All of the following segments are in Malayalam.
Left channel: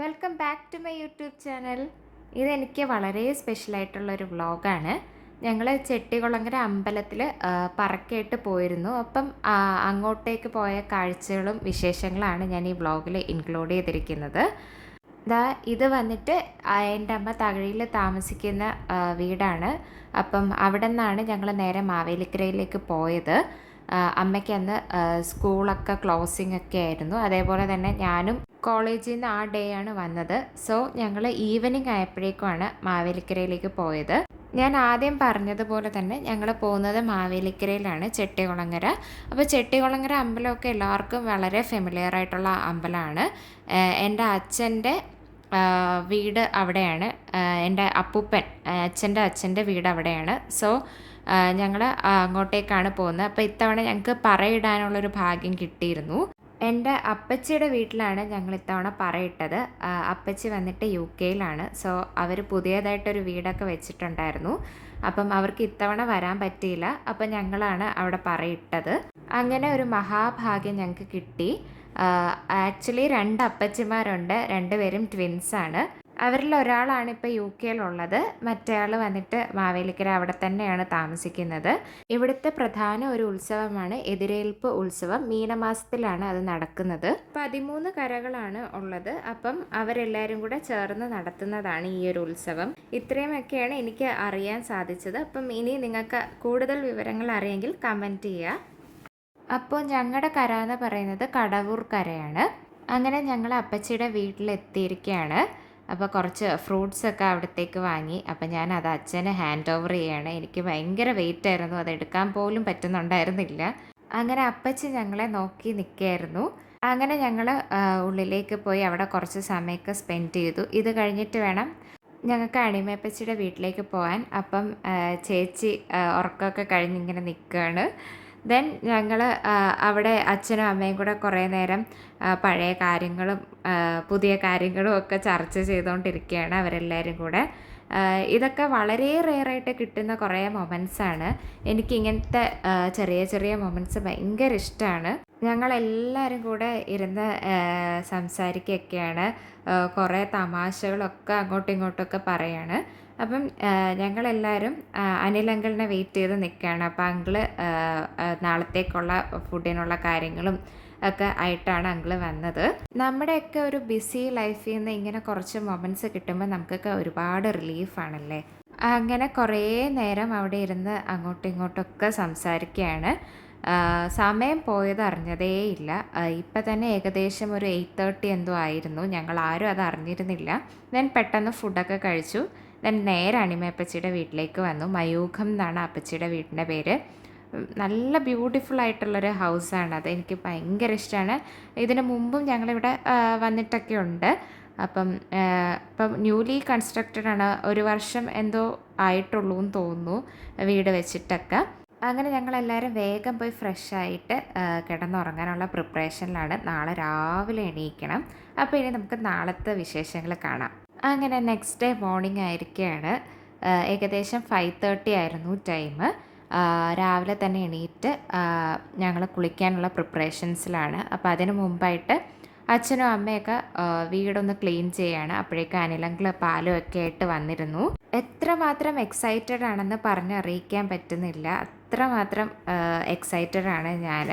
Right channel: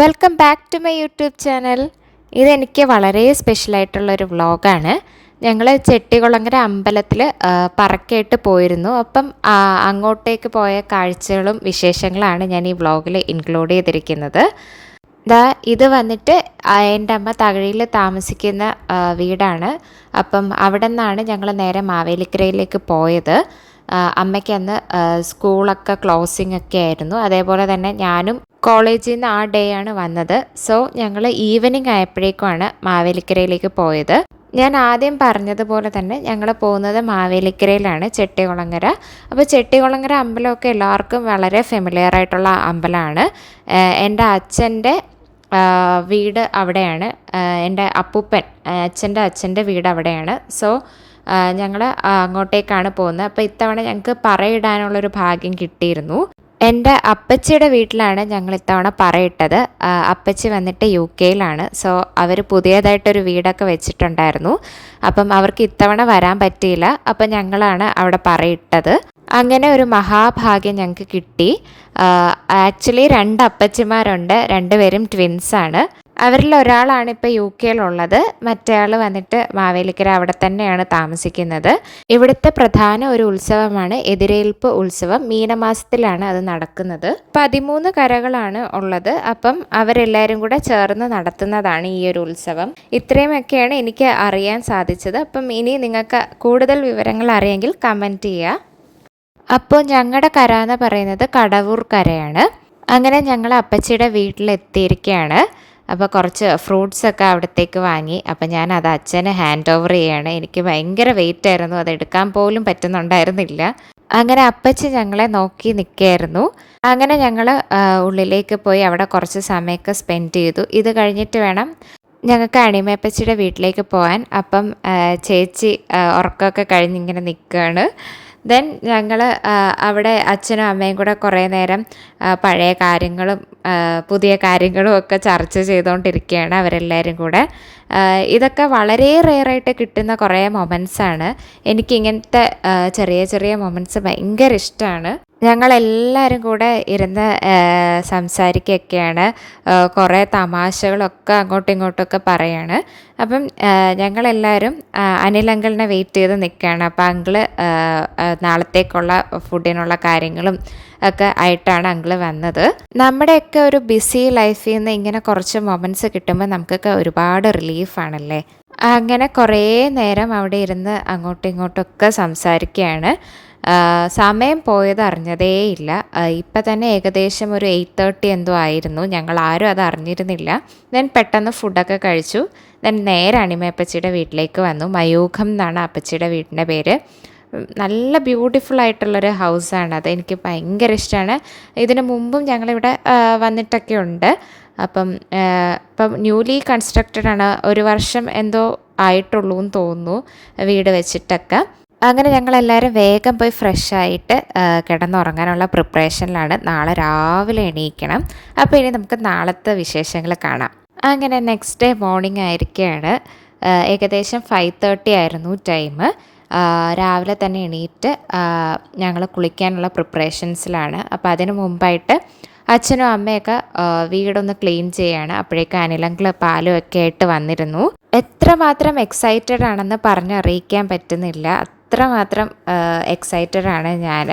Welcome back to my YouTube channel ഇതെനിക്ക് വളരെ സ്പെഷ്യലായിട്ടുള്ളൊരു വ്ളോഗാണ് ഞങ്ങൾ ചെട്ടികുളങ്ങര അമ്പലത്തിൽ പറക്കയിട്ട് പോയിരുന്നു. അപ്പം അങ്ങോട്ടേക്ക് പോയ കാഴ്ചകളും വിശേഷങ്ങളാണ് ഞാൻ ഈ വ്ളോഗിൽ ഇൻക്ലൂഡ് ചെയ്തിരിക്കുന്നത്. ദാ ഇത് വന്നിട്ട് എന്റെ അമ്മ തകഴിയിൽ താമസിക്കുന്ന വീടാണ്. അപ്പം അവിടെ നിന്നാണ് ഞങ്ങൾ നേരെ മാവേലിക്കരയിലേക്ക് പോയത്. അമ്മയ്ക്കന്ന് സ്കൂളൊക്കെ ക്ലോസിംഗ് ഒക്കെ ആയിരുന്നു. അതേപോലെ തന്നെ ഞാനും കോളേജിൽ നിന്ന് ആ ഡേ ആണ് വന്നത്. സോ ഞങ്ങൾ ഈവനിങ് ആയപ്പോഴേക്കുമാണ് മാവേലിക്കരയിലേക്ക് പോയത്. ഞാൻ ആദ്യം പറഞ്ഞതുപോലെ തന്നെ ഞങ്ങൾ പോകുന്നത് മാവേലിക്കരയിലാണ് ചെട്ടികുളങ്ങര. അപ്പോൾ ചെട്ടികുളങ്ങര അമ്പലമൊക്കെ എല്ലാവർക്കും വളരെ ഫെമിലിയർ ആയിട്ടുള്ള അമ്പലമാണ്. എന്റെ അച്ഛന്റെ വീട് അവിടെയാണ്. എന്റെ അപ്പൂപ്പൻ അച്ഛന്റെ അച്ഛന്റെ വീട് അവിടെയാണ്. സോ ഞങ്ങൾ അങ്ങോട്ടേക്കാണ് പോകുന്നത്. അപ്പോൾ ഇത്തവണ ഞങ്ങൾക്ക് പറയിടാനുള്ളൊരു ഭാഗ്യം കിട്ടിയിരുന്നു. എന്റെ അപ്പച്ചിയുടെ വീട്ടിലാണ് ഞങ്ങൾ ഇത്തവണ പറയിട്ടത്. അപ്പച്ചി വന്നിട്ട് യു കെയിലാണ്. സോ അവർ പുതിയതായിട്ടൊരു വീടൊക്കെ വെച്ചിട്ടുണ്ടായിരുന്നു. അപ്പം അവർക്ക് ഇത്തവണ വരാൻ പറ്റിയില്ല. അപ്പം ഞങ്ങളാണ് അവിടെ പറയിട്ടത്. അങ്ങനെ ഒരു മഹാഭാഗ്യം ഞങ്ങൾക്ക് കിട്ടി. ആക്ച്വലി രണ്ട് അപ്പച്ചിമാരുണ്ട്. രണ്ടുപേരും ട്വിൻസാണ്. അവരിൽ ഒരാളാണ് ഇപ്പോൾ യു കെയിലുള്ളത്. മറ്റേയാൾ വന്നിട്ട് മാവേലിക്കര അവിടെ തന്നെയാണ് താമസിക്കുന്നത്. ഇവിടുത്തെ പ്രധാന ഒരു ഉത്സവമാണ് എതിരേൽപ്പ് ഉത്സവം. മീനമാസത്തിലാണ് അത് നടക്കുന്നത്. പതിമൂന്ന് കരകളാണ് ഉള്ളത്. അപ്പം അവരെല്ലാവരും കൂടെ ചേർന്ന് നടത്തുന്നതാണ് ഈ ഒരു ഉത്സവം. ഇത്രയുമൊക്കെയാണ് എനിക്ക് അറിയാൻ സാധിച്ചത്. അപ്പം ഇനി നിങ്ങൾക്ക് കൂടുതൽ വിവരങ്ങൾ അറിയെങ്കിൽ കമന്റ് ചെയ്യുക. അപ്പോൾ ഞങ്ങളുടെ കര എന്ന് പറയുന്നത് കടവൂർ കരയാണ്. അങ്ങനെ ഞങ്ങൾ അപ്പച്ചിയുടെ വീട്ടിലെത്തിയിരിക്കുകയാണ് അപ്പോൾ കുറച്ച് ഫ്രൂട്ട്സൊക്കെ അവിടത്തേക്ക് വാങ്ങി. അപ്പോൾ ഞാൻ അത് അച്ഛന് ഹാൻഡ് ഓവർ ചെയ്യാണ്. എനിക്ക് ഭയങ്കര വെയിറ്റ് ആയിരുന്നു. അത് എടുക്കാൻ പോലും പറ്റുന്നുണ്ടായിരുന്നില്ല. അങ്ങനെ അപ്പച്ച ഞങ്ങളെ നോക്കി നിൽക്കുകയായിരുന്നു. അങ്ങനെ ഞങ്ങൾ ഉള്ളിലേക്ക് പോയി അവിടെ കുറച്ച് സമയമൊക്കെ സ്പെൻഡ് ചെയ്തു. ഇത് കഴിഞ്ഞിട്ട് വേണം ഞങ്ങൾക്ക് അണിമേപ്പച്ചിയുടെ വീട്ടിലേക്ക് പോകാൻ. അപ്പം ചേച്ചി ഉറക്കമൊക്കെ കഴിഞ്ഞിങ്ങനെ നിൽക്കുകയാണ്. ദെൻ ഞങ്ങൾ അവിടെ അച്ഛനും അമ്മയും കൂടെ കുറേ നേരം പഴയ കാര്യങ്ങളും പുതിയ കാര്യങ്ങളും ഒക്കെ ചർച്ച ചെയ്തുകൊണ്ടിരിക്കുകയാണ് അവരെല്ലാവരും കൂടെ. ഇതൊക്കെ വളരെ റെയറായിട്ട് കിട്ടുന്ന കുറേ മൊമെന്റ്സാണ് എനിക്ക് ഇങ്ങനത്തെ ചെറിയ ചെറിയ മൊമെന്റ്സ് ഭയങ്കര ഇഷ്ടമാണ്. ഞങ്ങളെല്ലാവരും കൂടെ ഇരുന്ന് സംസാരിക്കുകയൊക്കെയാണ്. കുറേ തമാശകളൊക്കെ അങ്ങോട്ടും ഇങ്ങോട്ടൊക്കെ പറയാണ്. അപ്പം ഞങ്ങളെല്ലാവരും അനിൽ അങ്കിളിനെ വെയിറ്റ് ചെയ്ത് നിൽക്കുകയാണ്. അപ്പോൾ അങ്കിൾ നാളത്തേക്കുള്ള ഫുഡിനുള്ള കാര്യങ്ങളും ഒക്കെ ആയിട്ടാണ് അങ്കിൾ വന്നത്. നമ്മുടെയൊക്കെ ഒരു ബിസി ലൈഫിൽ നിന്ന് ഇങ്ങനെ കുറച്ച് മൊമെന്റ്സ് കിട്ടുമ്പോൾ നമുക്കൊക്കെ ഒരുപാട് റിലീഫാണല്ലേ അങ്ങനെ കുറേ നേരം അവിടെ ഇരുന്ന് അങ്ങോട്ടും ഇങ്ങോട്ടൊക്കെ സംസാരിക്കുകയാണ്. സമയം പോയത് അറിഞ്ഞതേയില്ല ഇപ്പം തന്നെ ഏകദേശം ഒരു എയ്റ്റ് തേർട്ടി എന്തോ ആയിരുന്നു. ഞങ്ങൾ ആരും അത് അറിഞ്ഞിരുന്നില്ല. ദെൻ പെട്ടെന്ന് ഫുഡൊക്കെ കഴിച്ചു. ദെൻ നേരെ അണിമയപ്പച്ചിയുടെ വീട്ടിലേക്ക് വന്നു. മയൂഖം എന്നാണ് അപ്പച്ചിയുടെ വീടിന്റെ പേര്. നല്ല ബ്യൂട്ടിഫുൾ ആയിട്ടുള്ളൊരു ഹൗസാണ് അത് എനിക്ക് ഭയങ്കര ഇഷ്ടമാണ് ഇതിന് മുമ്പും ഞങ്ങളിവിടെ വന്നിട്ടൊക്കെ ഉണ്ട്. അപ്പം ഇപ്പം ന്യൂലി കൺസ്ട്രക്റ്റഡ് ആണ്. ഒരു വർഷം എന്തോ ആയിട്ടുള്ളൂ എന്ന് തോന്നുന്നു വീട് വെച്ചിട്ടൊക്കെ. അങ്ങനെ ഞങ്ങളെല്ലാവരും വേഗം പോയി ഫ്രഷ് ആയിട്ട് കിടന്നുറങ്ങാനുള്ള പ്രിപ്പറേഷനിലാണ് നാളെ രാവിലെ എണീക്കണം. അപ്പോൾ ഇനി നമുക്ക് നാളത്തെ വിശേഷങ്ങൾ കാണാം. അങ്ങനെ നെക്സ്റ്റ് ഡേ മോർണിംഗ് ആയിരിക്കുകയാണ് ഏകദേശം ഫൈവ് തേർട്ടി ആയിരുന്നു ടൈം രാവിലെ തന്നെ എണീറ്റ് ഞങ്ങൾ കുളിക്കാനുള്ള പ്രിപ്പറേഷൻസിലാണ്. അപ്പോൾ അതിന് മുമ്പായിട്ട് അച്ഛനും അമ്മയൊക്കെ വീടൊന്ന് ക്ലീൻ ചെയ്യാണ്. അപ്പോഴേക്കും അനിലങ്കിൾ പാലും ഒക്കെ ആയിട്ട് വന്നിരുന്നു. എത്രമാത്രം എക്സൈറ്റഡ് ആണെന്ന് പറഞ്ഞറിയിക്കാൻ പറ്റുന്നില്ല. അത്രമാത്രം എക്സൈറ്റഡ് ആണ് ഞാൻ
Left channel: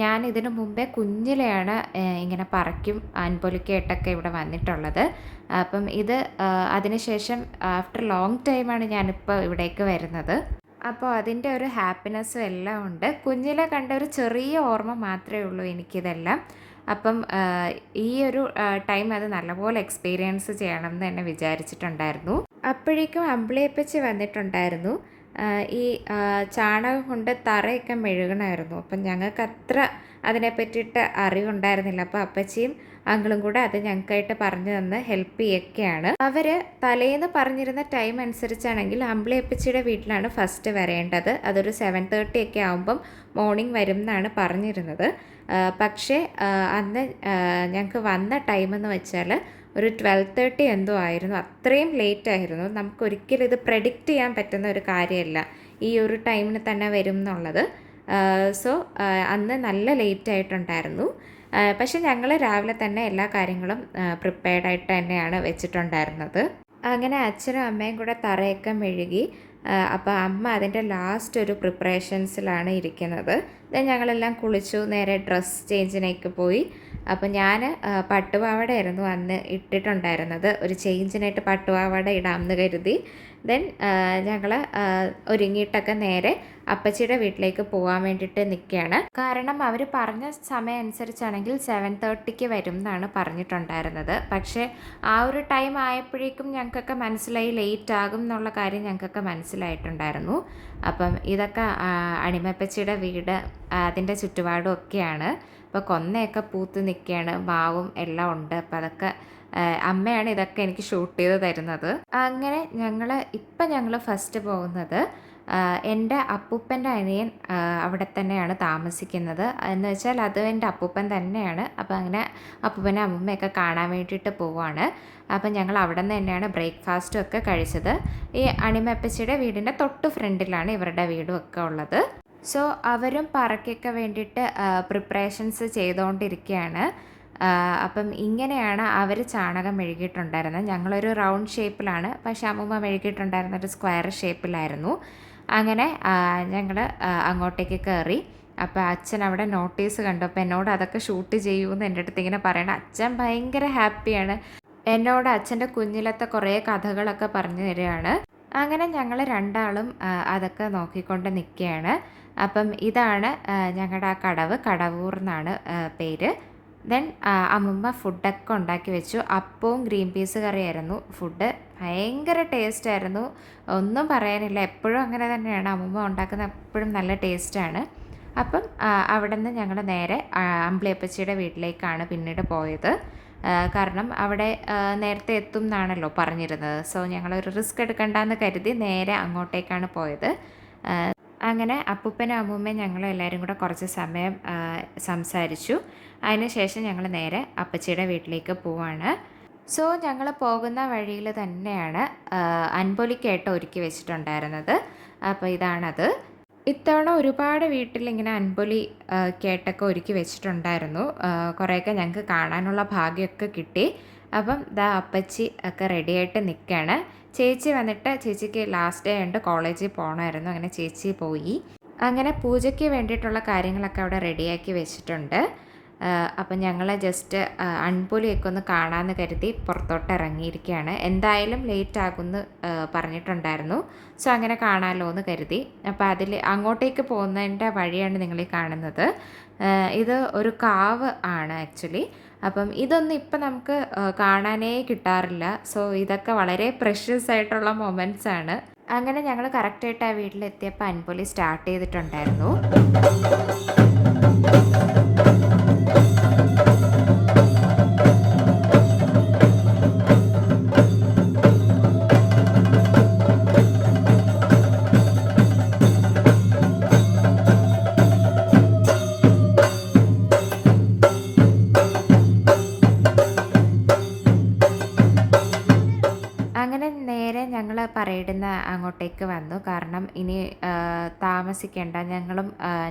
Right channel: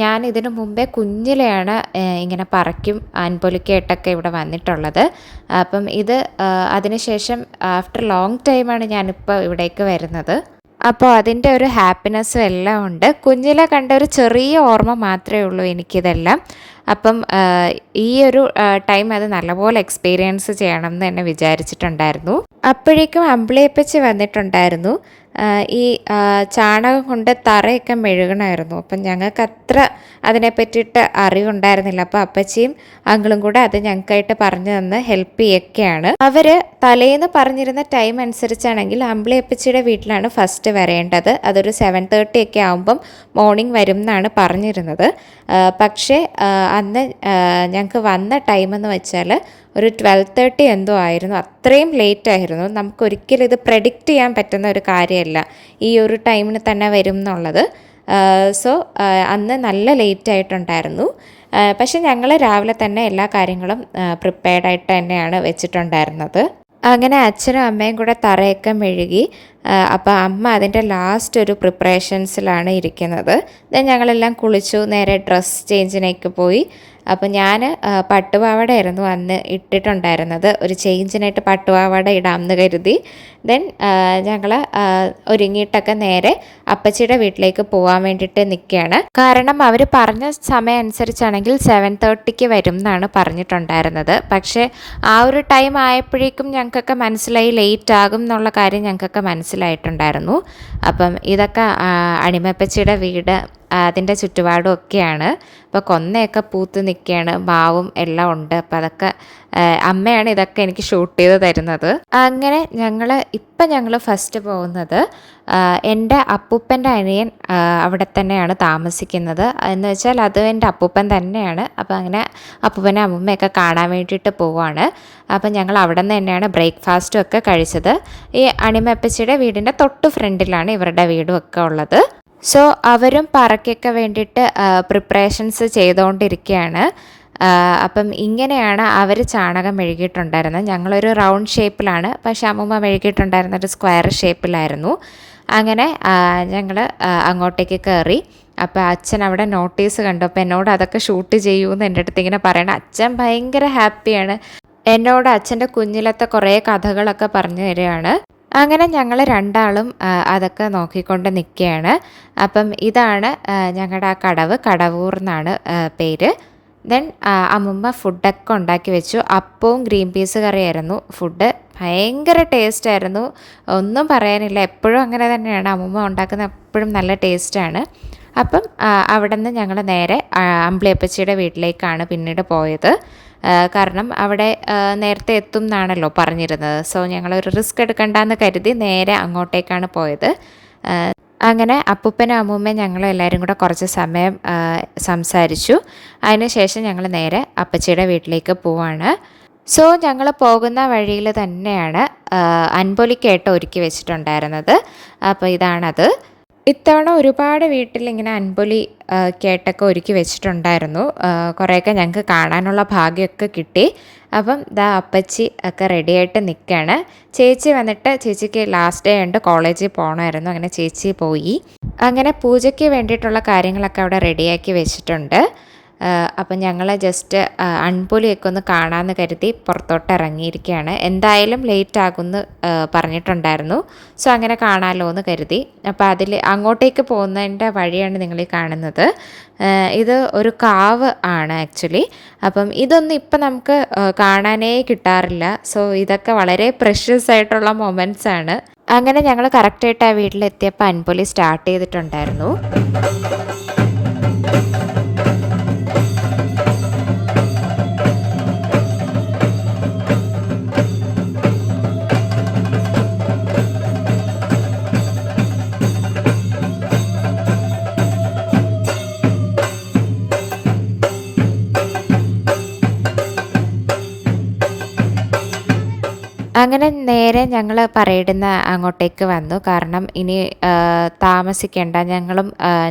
ഞാൻ ഇതിനു മുമ്പേ കുഞ്ഞിലെയാണ് ഇങ്ങനെ പറക്കും ആൻപൊലിക്കായിട്ടൊക്കെ ഇവിടെ വന്നിട്ടുള്ളത്. അപ്പം ഇത് അതിനുശേഷം ആഫ്റ്റർ ലോങ് ടൈമാണ് ഞാനിപ്പോൾ ഇവിടേക്ക് വരുന്നത്. അപ്പോൾ അതിന്റെ ഒരു ഹാപ്പിനെസ്സും എല്ലാം ഉണ്ട്. കുഞ്ഞിലെ കണ്ട ഒരു ചെറിയ ഓർമ്മ മാത്രമേ ഉള്ളൂ എനിക്കിതെല്ലാം. അപ്പം ഈ ഒരു ടൈം അത് നല്ലപോലെ എക്സ്പീരിയൻസ് ചെയ്യണം എന്ന് തന്നെ വിചാരിച്ചിട്ടുണ്ടായിരുന്നു. അപ്പോഴേക്കും അമ്പിളിയപ്പച്ചി വന്നിട്ടുണ്ടായിരുന്നു. ഈ ചാണകം കൊണ്ട് തറയൊക്കെ മെഴുകണമായിരുന്നു. അപ്പം ഞങ്ങൾക്ക് അത്ര അതിനെ പറ്റിയിട്ട് അറിവുണ്ടായിരുന്നില്ല. അപ്പോൾ അപ്പച്ചിയും അങ്കിളും കൂടെ അത് ഞങ്ങൾക്കായിട്ട് പറഞ്ഞു തന്ന് ഹെൽപ്പ് ചെയ്യൊക്കെയാണ് അവർ തലേന്ന് പറഞ്ഞിരുന്ന ടൈം അനുസരിച്ചാണെങ്കിൽ അമ്പിളി അപ്പച്ചിയുടെ വീട്ടിലാണ് ഫസ്റ്റ് വരേണ്ടത്. അതൊരു സെവൻ തേർട്ടി ഒക്കെ ആകുമ്പം മോർണിംഗ് വരും എന്നാണ് പറഞ്ഞിരുന്നത്. പക്ഷേ അന്ന് ഞങ്ങൾക്ക് വന്ന ടൈം എന്ന് വെച്ചാൽ ഒരു ട്വൽവ് തേർട്ടി എന്തോ ആയിരുന്നു. അത്രയും ലേറ്റ് ആയിരുന്നു. നമുക്ക് ഒരിക്കലും ഇത് പ്രഡിക്റ്റ് ചെയ്യാൻ പറ്റുന്ന ഒരു കാര്യമല്ല. ഈ ഒരു ടൈമിന് തന്നെ വരും എന്നുള്ളത്. സോ അന്ന് നല്ല ലേറ്റ് ആയിട്ടുണ്ടായിരുന്നു. പക്ഷെ ഞങ്ങൾ രാവിലെ തന്നെ എല്ലാ കാര്യങ്ങളും പ്രിപ്പയർഡ് ആയിട്ട് തന്നെയാണ് വെച്ചിട്ടുണ്ടായിരുന്നത്. അങ്ങനെ അച്ഛനും അമ്മയും കൂടെ തറയൊക്കെ മെഴുകി അപ്പോൾ അമ്മ അതിന്റെ ലാസ്റ്റ് ഒരു പ്രിപ്പറേഷൻസിലാണ് ഇരിക്കുന്നത്. ഞങ്ങളെല്ലാം കുളിച്ചു നേരെ ഡ്രസ്സ് ചേഞ്ചിനേക്ക് പോയി. അപ്പോൾ ഞാൻ പട്ടുപാവാടയായിരുന്നു അന്ന് ഇട്ടിട്ടുണ്ടായിരുന്നത്. ഒരു ചേഞ്ചിനായിട്ട് പട്ടുപാവാട ഇടാമെന്ന് കരുതി. ദെൻ ഞങ്ങൾ ഒരുങ്ങിയിട്ടൊക്കെ നേരെ അപ്പച്ചിയുടെ വീട്ടിലേക്ക് പോകാൻ വേണ്ടിയിട്ട് നിൽക്കുകയാണ് കാരണം അവർ പറഞ്ഞ സമയം അനുസരിച്ചാണെങ്കിൽ സെവൻ തേർട്ടിക്ക് വരും എന്നാണ് പറഞ്ഞിട്ടുണ്ടായിരുന്നത്. പക്ഷേ ആ ഒരു ടൈം ആയപ്പോഴേക്കും ഞങ്ങൾക്കൊക്കെ മനസ്സിലായി ലേറ്റ് ആകും എന്നുള്ള കാര്യം ഞങ്ങൾക്കൊക്കെ മനസ്സിലായിട്ടുണ്ടായിരുന്നു. അപ്പം ഇതൊക്കെ അണിമപ്പച്ചിയുടെ വീട് അതിന്റെ ചുറ്റുപാടും ഒക്കെയാണ് അപ്പോൾ കൊന്നയൊക്കെ പൂത്ത് നിൽക്കുകയാണ് മാവും എല്ലാം ഉണ്ട്. അപ്പോൾ അതൊക്കെ അമ്മയാണ് ഇതൊക്കെ എനിക്ക് ഷൂട്ട് ചെയ്ത് തരുന്നത്. അങ്ങനെ ഞങ്ങൾ ഇപ്പം ഞങ്ങൾ ഫസ്റ്റ് പോകുന്നത് എന്റെ അപ്പൂപ്പന്റെ അനിയൻ അവിടെ തന്നെയാണ് താമസിക്കുന്നത്. എന്ന് വെച്ചാൽ അത് എന്റെ അപ്പൂപ്പൻ തന്നെയാണ്. അപ്പോൾ അങ്ങനെ അപ്പൂപ്പനെ അമ്മൂമ്മയൊക്കെ കാണാൻ വേണ്ടിയിട്ട് പോവാണ്. അപ്പം ഞങ്ങൾ അവിടെ നിന്ന് തന്നെയാണ് ബ്രേക്ക്ഫാസ്റ്റും ഒക്കെ കഴിച്ചത്. ഈ അണിമപ്പച്ചിയുടെ വീടിന്റെ തൊട്ട് ഫ്രണ്ടിലാണ് ഇവരുടെ വീടും ഒക്കെ ഉള്ളത്. സോ അവരും പറക്കൊക്കെ വേണ്ടിയിട്ട് പ്രിപ്പറേഷൻസ് ചെയ്തുകൊണ്ടിരിക്കുകയാണ്. അപ്പം ഇങ്ങനെയാണ് അവർ ചാണകം മെഴുകിയിട്ടുണ്ടായിരുന്നത്. ഞങ്ങളൊരു റൗണ്ട് ഷേപ്പിലാണ്. പക്ഷേ അമ്മൂമ്മ മെഴുകിയിട്ടുണ്ടായിരുന്നത് സ്ക്വയർ ഷേപ്പിലായിരുന്നു. അങ്ങനെ ഞങ്ങൾ അങ്ങോട്ടേക്ക് കയറി അപ്പോൾ അച്ഛൻ അവിടെ നോട്ടീസ് കണ്ടു. അപ്പോൾ എന്നോട് അതൊക്കെ ഷൂട്ട് ചെയ്യൂ എന്ന് എന്റെ അടുത്ത് ഇങ്ങനെ പറയണം അച്ഛൻ ഭയങ്കര ഹാപ്പിയാണ്. എന്നോട് അച്ഛന്റെ കുഞ്ഞിലത്തെ കുറേ കഥകളൊക്കെ പറഞ്ഞു തരികയാണ്. അങ്ങനെ ഞങ്ങൾ രണ്ടാളും അതൊക്കെ നോക്കിക്കൊണ്ട് നിൽക്കുകയാണ്. അപ്പം ഇതാണ് ഞങ്ങളുടെ ആ കടവ്. കടവൂർ എന്നാണ് പേര്. ദെൻ അമ്മുമ്മ ഫുഡൊക്കെ ഉണ്ടാക്കി വെച്ചു. അപ്പവും ഗ്രീൻ പീസ് കറിയായിരുന്നു ഫുഡ് ഭയങ്കര ടേസ്റ്റ് ആയിരുന്നു ഒന്നും പറയാനില്ല. എപ്പോഴും അങ്ങനെ തന്നെയാണ്. അമ്മമ്മ ഉണ്ടാക്കുന്ന എപ്പോഴും നല്ല ടേസ്റ്റാണ്. അപ്പം അവിടെ നിന്ന് ഞങ്ങൾ നേരെ അമ്പിളിയപ്പച്ചിയുടെ വീട്ടിലേക്കാണ് പിന്നീട് പോയത്. കാരണം അവിടെ നേരത്തെ എത്തും എന്നാണല്ലോ പറഞ്ഞിരുന്നത്. സോ ഞങ്ങളൊരു റിസ്ക് എടുക്കണ്ടെന്ന് കരുതി നേരെ അങ്ങോട്ടേക്കാണ് പോയത്. അങ്ങനെ അപ്പൂപ്പനും അമ്മൂമ്മയും ഞങ്ങൾ എല്ലാവരും കൂടെ കുറച്ച് സമയം സംസാരിച്ചു. അതിനുശേഷം ഞങ്ങൾ നേരെ അപ്പച്ചിയുടെ വീട്ടിലേക്ക് പോവാണ്. സോ ഞങ്ങൾ പോകുന്ന വഴിയിൽ തന്നെയാണ് അൻപൊലിക്കേട്ട ഒരുക്കി വെച്ചിട്ടുണ്ടായിരുന്നത്. അപ്പോൾ ഇതാണത്. ഇത്തവണ ഒരുപാട് വീട്ടിൽ ഇങ്ങനെ അൻപൊലി കേട്ടൊക്കെ ഒരുക്കി വെച്ചിട്ടുണ്ടായിരുന്നു. കുറേയൊക്കെ ഞങ്ങൾക്ക് കാണാനുള്ള ഭാഗ്യമൊക്കെ കിട്ടി. അപ്പം ദാ അപ്പച്ചി ഒക്കെ റെഡിയായിട്ട് നിൽക്കുകയാണ് ചേച്ചി വന്നിട്ട് ചേച്ചിക്ക് ലാസ്റ്റ് ഡേ ഉണ്ട് കോളേജിൽ പോകണമായിരുന്നു അങ്ങനെ ചേച്ചി പോയി. അങ്ങനെ പൂജയ്ക്ക് വേണ്ടിയിട്ടുള്ള കാര്യങ്ങളൊക്കെ അവിടെ റെഡിയാക്കി വെച്ചിട്ടുണ്ട്. അപ്പം ഞങ്ങൾ ജസ്റ്റ് അൺപൊലിയൊക്കെ ഒന്ന് കാണാമെന്ന് കരുതി പുറത്തോട്ട് ഇറങ്ങിയിരിക്കുകയാണ് എന്തായാലും ലേറ്റ് ആകുമെന്ന് പറഞ്ഞിട്ടുണ്ടായിരുന്നു. സോ അങ്ങനെ കാണാമല്ലോ എന്ന് കരുതി. അപ്പോൾ അതിൽ അങ്ങോട്ടേക്ക് പോകുന്നതിന്റെ വഴിയാണ് നിങ്ങൾ ഈ കാണുന്നത് ഇത് ഒരു കാവ് ആണ് ആക്ച്വലി അപ്പം ഇതൊന്നും ഇപ്പം നമുക്ക് കാണാനേ കിട്ടാറില്ല. സോ ഇതൊക്കെ വളരെ പ്രഷ്യസ് ആയിട്ടുള്ള മൊമെന്റ്സ് ആണ്. അങ്ങനെ ഞങ്ങൾ കറക്റ്റായിട്ട് ആ വീട്ടിലെത്തിയപ്പോൾ അൻപൊലി സ്റ്റാർട്ട് ചെയ്തിട്ടുണ്ടായിരുന്നു. അങ്ങനെ നേരെ ഞങ്ങൾ പറയിടുന്ന അങ്ങോട്ടേക്ക് വന്നു. കാരണം ഇനി താമസിക്കേണ്ട ഞങ്ങളും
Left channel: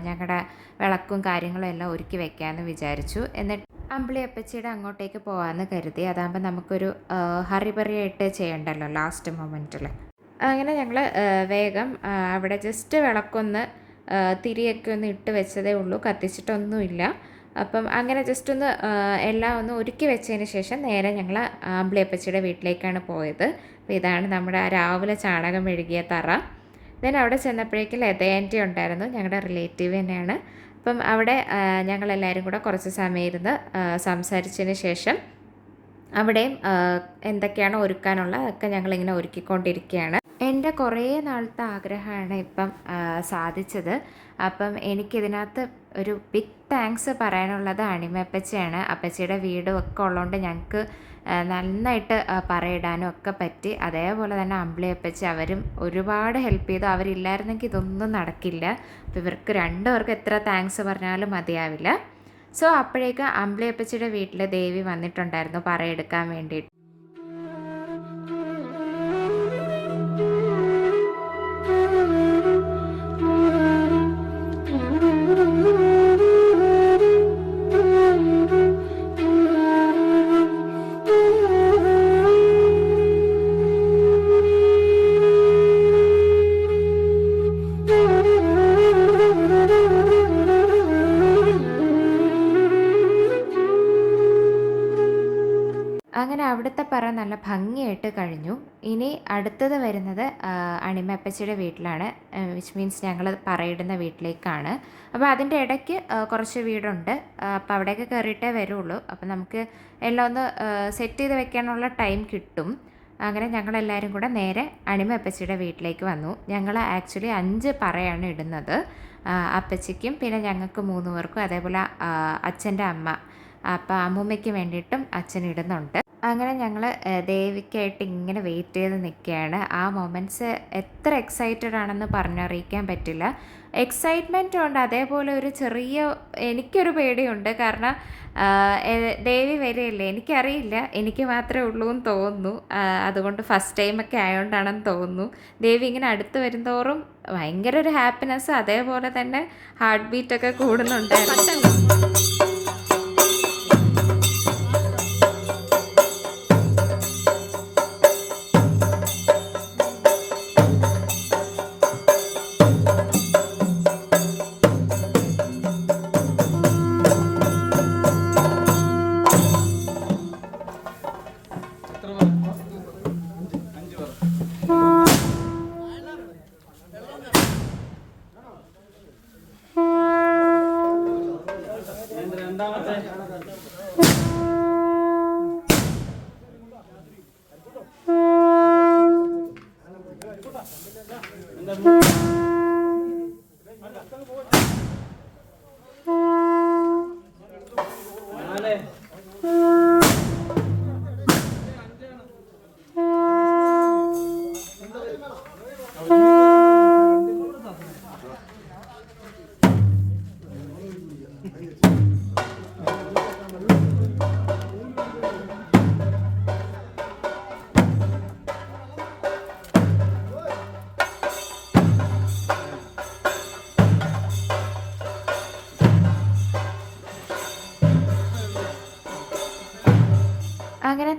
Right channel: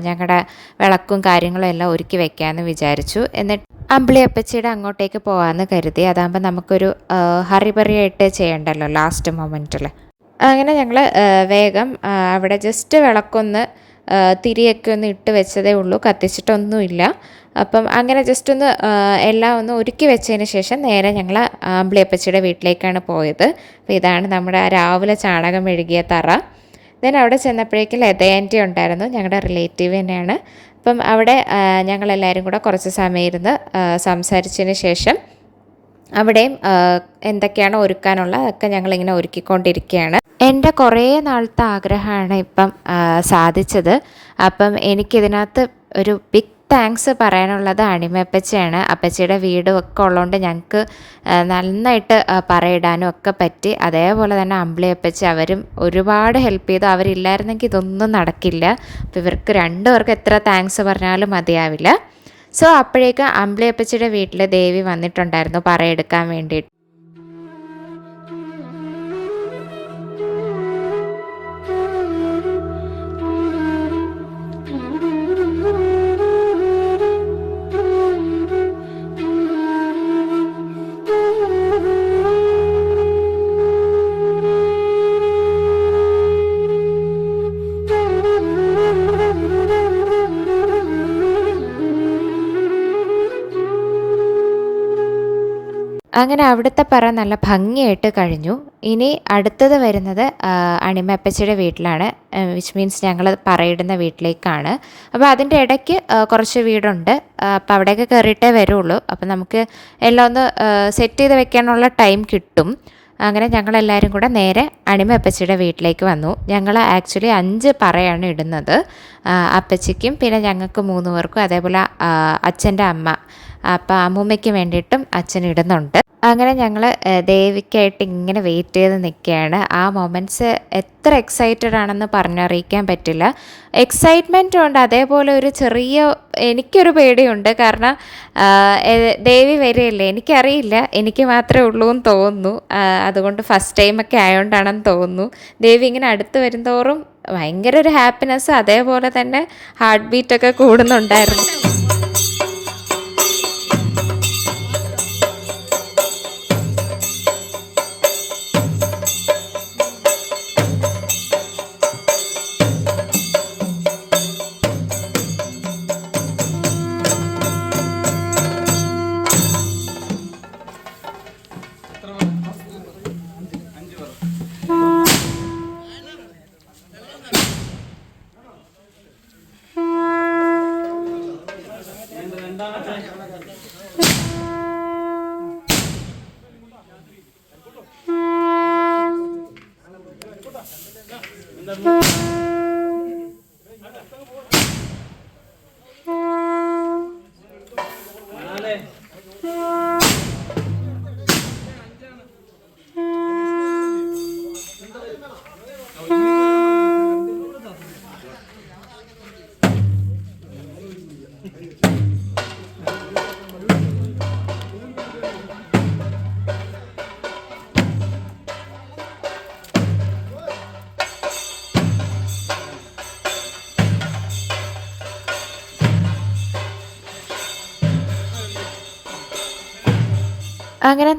ഞങ്ങളുടെ വിളക്കും കാര്യങ്ങളും എല്ലാം ഒരുക്കി വെക്കാമെന്ന് വിചാരിച്ചു. എന്നിട്ട് അമ്പിളിയപ്പച്ചിയുടെ അങ്ങോട്ടേക്ക് പോകാമെന്ന് കരുതി. അതാകുമ്പോൾ നമുക്കൊരു ഹറിബറിയായിട്ട് ചെയ്യണ്ടല്ലോ ലാസ്റ്റ് മൊമെന്റിൽ അങ്ങനെ ഞങ്ങൾ വേഗം അവിടെ ജസ്റ്റ് വിളക്കൊന്ന് തിരിയൊക്കെ ഒന്ന് ഇട്ട് വെച്ചതേ ഉള്ളൂ. കത്തിച്ചിട്ടൊന്നുമില്ല. അപ്പം അങ്ങനെ ജസ്റ്റ് ഒന്ന് എല്ലാം ഒന്ന് ഒരുക്കി വെച്ചതിന് ശേഷം നേരെ ഞങ്ങൾ അമ്പിളിയപ്പച്ചിയുടെ വീട്ടിലേക്കാണ് പോയത്. അപ്പോൾ ഇതാണ് നമ്മുടെ രാവിലെ ചാണകം മെഴുകിയ തറ. ദെൻ അവിടെ ചെന്നപ്പോഴേക്കും ലതയാന്റി ഉണ്ടായിരുന്നു ഞങ്ങളുടെ റിലേറ്റീവ് തന്നെയാണ്. അപ്പം അവിടെ ഞങ്ങളെല്ലാവരും കൂടെ കുറച്ച് സമയം ഇരുന്ന് സംസാരിച്ചതിന് ശേഷം അവിടെയും എന്തൊക്കെയാണ് ഒരുക്കാനുള്ള അതൊക്കെ ഞങ്ങളിങ്ങനെ ഒരുക്കിക്കൊണ്ടിരിക്കുകയാണ് എന്റെ കുറേ നാളത്തെ ആഗ്രഹമാണ് ഇപ്പം സാധിച്ചത്. അപ്പം എനിക്കിതിനകത്ത് ഒരു ബിഗ് താങ്ക്സ് പറയാനുള്ളത് അണിമപ്പച്ചയാണ് അപ്പച്ചിയുടെ വീടും ഒക്കെ ഉള്ളതുകൊണ്ട് ഞങ്ങൾക്ക് നന്നായിട്ട് പറയിടാനും ഒക്കെ പറ്റി. അതേപോലെ തന്നെ അമ്പിളിയപ്പച്ചി അവരും ഒരുപാട് ഹെൽപ്പ് ചെയ്തു. അവരില്ലായിരുന്നെങ്കിൽ ഇതൊന്നും നടക്കില്ല. അപ്പോൾ ഇവർക്ക് രണ്ടുപേർക്ക് എത്ര താങ്ക്സ് പറഞ്ഞാലും മതിയാവില്ല. സോ അപ്പോഴേക്കും അമ്പലയപ്പച്ചിയുടെ വീട്ടിൽ ദേവി വന്നിട്ടുണ്ടായിരുന്നു പറയെടുക്കാൻ വേണ്ടിയിട്ട്. അങ്ങനെ അവിടുത്തെ പറ നല്ല ഭംഗിയായിട്ട് കഴിഞ്ഞു. ഇനി അടുത്തത് വരുന്നത് അണിമപ്പച്ചയുടെ വീട്ടിലാണ്. വിച്ച് മീൻസ് ഞങ്ങൾ പറയിടുന്ന വീട്ടിലേക്കാണ്. അപ്പോൾ അതിന്റെ ഇടയ്ക്ക് കുറച്ച് വീടുണ്ട്. അപ്പോൾ അവിടെയൊക്കെ കയറിയിട്ടേ വരുള്ളൂ. അപ്പോൾ നമുക്ക് എല്ലാം ഒന്ന് സെറ്റ് ചെയ്ത് വെക്കാനുള്ള ടൈം കിട്ടും. അങ്ങനെ ഞങ്ങളെല്ലാവരും കൂടെ നേരെ അണിമ അപ്പച്ചിയുടെ വീട്ടിലേക്ക് വന്നു. ഞങ്ങൾ ആക്ച്വലി അഞ്ച് പറയാണ് ഇടുന്നത്. അപ്പച്ചിക്കും പിന്നെ ഞങ്ങൾക്ക് മൂന്ന് പേർക്കും അതേപോലെ അച്ഛന്റെ അമ്മ. അപ്പോൾ അമ്മൂമ്മയ്ക്ക് വേണ്ടിയിട്ടും അച്ഛൻ ഇടുന്നുണ്ട്. അങ്ങനെ ഞങ്ങൾ ദേവിക്കായിട്ട് ഇങ്ങനെ വെയിറ്റ് ചെയ്ത് നിൽക്കുകയാണ്. ആ മൊമെന്റ്സ് എത്ര എക്സൈറ്റഡ് ആണെന്ന് പറഞ്ഞറിയിക്കാൻ പറ്റില്ല. എക്സൈറ്റ്മെന്റും ഉണ്ട് അതേപോലെ ഒരു ചെറിയ എനിക്കൊരു പേടിയുണ്ട്. കാരണം ദേവി വരികയല്ലേ എനിക്കറിയില്ല. എനിക്ക് മാത്രമേ ഉള്ളൂ എന്ന് തോന്നുന്നു. അതുകൊണ്ട് ഫസ്റ്റ് ടൈമൊക്കെ ആയതുകൊണ്ടാണെന്ന് തോന്നുന്നു. ദേവി ഇങ്ങനെ അടുത്ത് വരുന്തോറും ഭയങ്കര ഒരു ഹാപ്പിനെസ് അതേപോലെ തന്നെ ഹാർട്ട് ബീറ്റൊക്കെ കൂടുന്നുണ്ടായിരുന്നു.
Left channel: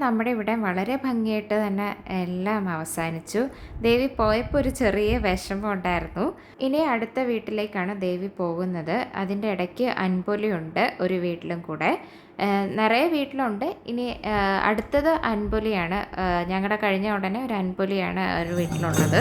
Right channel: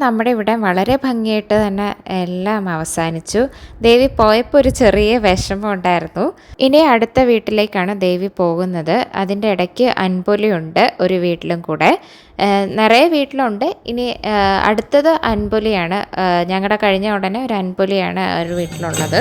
നമ്മുടെ ഇവിടെ വളരെ ഭംഗിയായിട്ട് തന്നെ എല്ലാം അവസാനിച്ചു. ദേവി പോയപ്പോൾ ഒരു ചെറിയ വിഷമം ഉണ്ടായിരുന്നു. ഇനി അടുത്ത വീട്ടിലേക്കാണ് ദേവി പോകുന്നത്. അതിന്റെ ഇടയ്ക്ക് അൻപൊലിയുണ്ട് ഒരു വീട്ടിലും കൂടെ. നിറയെ വീട്ടിലുണ്ട്. ഇനി അടുത്തത് അൻപൊലിയാണ്. ഞങ്ങളുടെ കഴിഞ്ഞ ഉടനെ ഒരു അൻപൊലിയാണ് ഒരു വീട്ടിലുള്ളത്.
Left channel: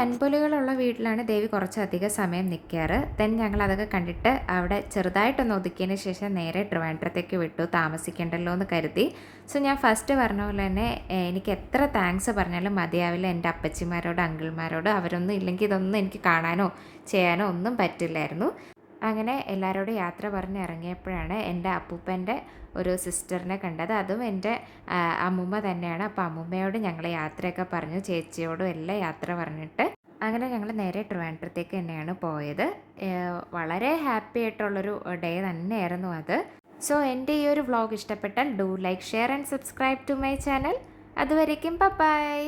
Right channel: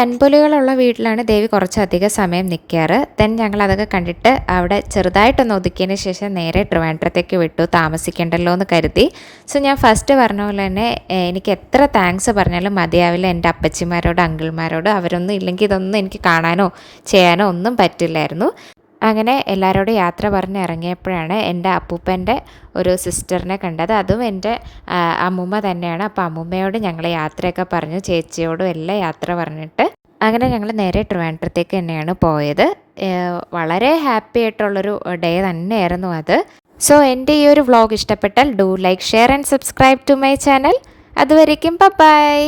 അൻപൊലികളുള്ള വീട്ടിലാണ് ദേവി കുറച്ചധികം സമയം നിൽക്കാറ് ദെൻ ഞങ്ങൾ അതൊക്കെ കണ്ടിട്ട് അവിടെ ചെറുതായിട്ടൊന്ന് ഒതുക്കിയതിന് ശേഷം നേരെ ട്രിവാൻഡ്രത്തേക്ക് വിട്ടു. താമസിക്കണ്ടല്ലോ എന്ന് കരുതി. സോ ഞാൻ ഫസ്റ്റ് പറഞ്ഞ പോലെ തന്നെ എനിക്ക് എത്ര താങ്ക്സ് പറഞ്ഞാലും മതിയാവില്ല എന്റെ അപ്പച്ചിമാരോട് അങ്കിൾമാരോട്. അവരൊന്നും ഇല്ലെങ്കിൽ ഇതൊന്നും എനിക്ക് കാണാനോ ചെയ്യാനോ ഒന്നും പറ്റില്ലായിരുന്നു. അങ്ങനെ എല്ലാവരോടും യാത്ര പറഞ്ഞ് ഇറങ്ങിയപ്പോഴാണ് എന്റെ അപ്പൂപ്പന്റെ ഒരു സിസ്റ്ററിനെ കണ്ടത്. അതും എന്റെ അമ്മൂമ്മ തന്നെയാണ്. അപ്പോൾ അമ്മൂമ്മയോട് ഞങ്ങൾ യാത്രയൊക്കെ പറഞ്ഞു. ചേച്ചിയോടും എല്ലാം യാത്ര പറഞ്ഞിട്ട് അങ്ങനെ ഞങ്ങൾ നേരെ ട്രിവാൻഡ്രത്തേക്ക് തന്നെയാണ് പോയത്. വളരെ ഹാപ്പി ആയിട്ടുള്ളൊരു ഡേ തന്നെയായിരുന്നു അത്. സോ എന്റെ ഈ ഒരു വ്ളോഗ് ഇഷ്ടപ്പെട്ടാൽ do like share and subscribe to my channel. അതുവരേക്കും ബൈ.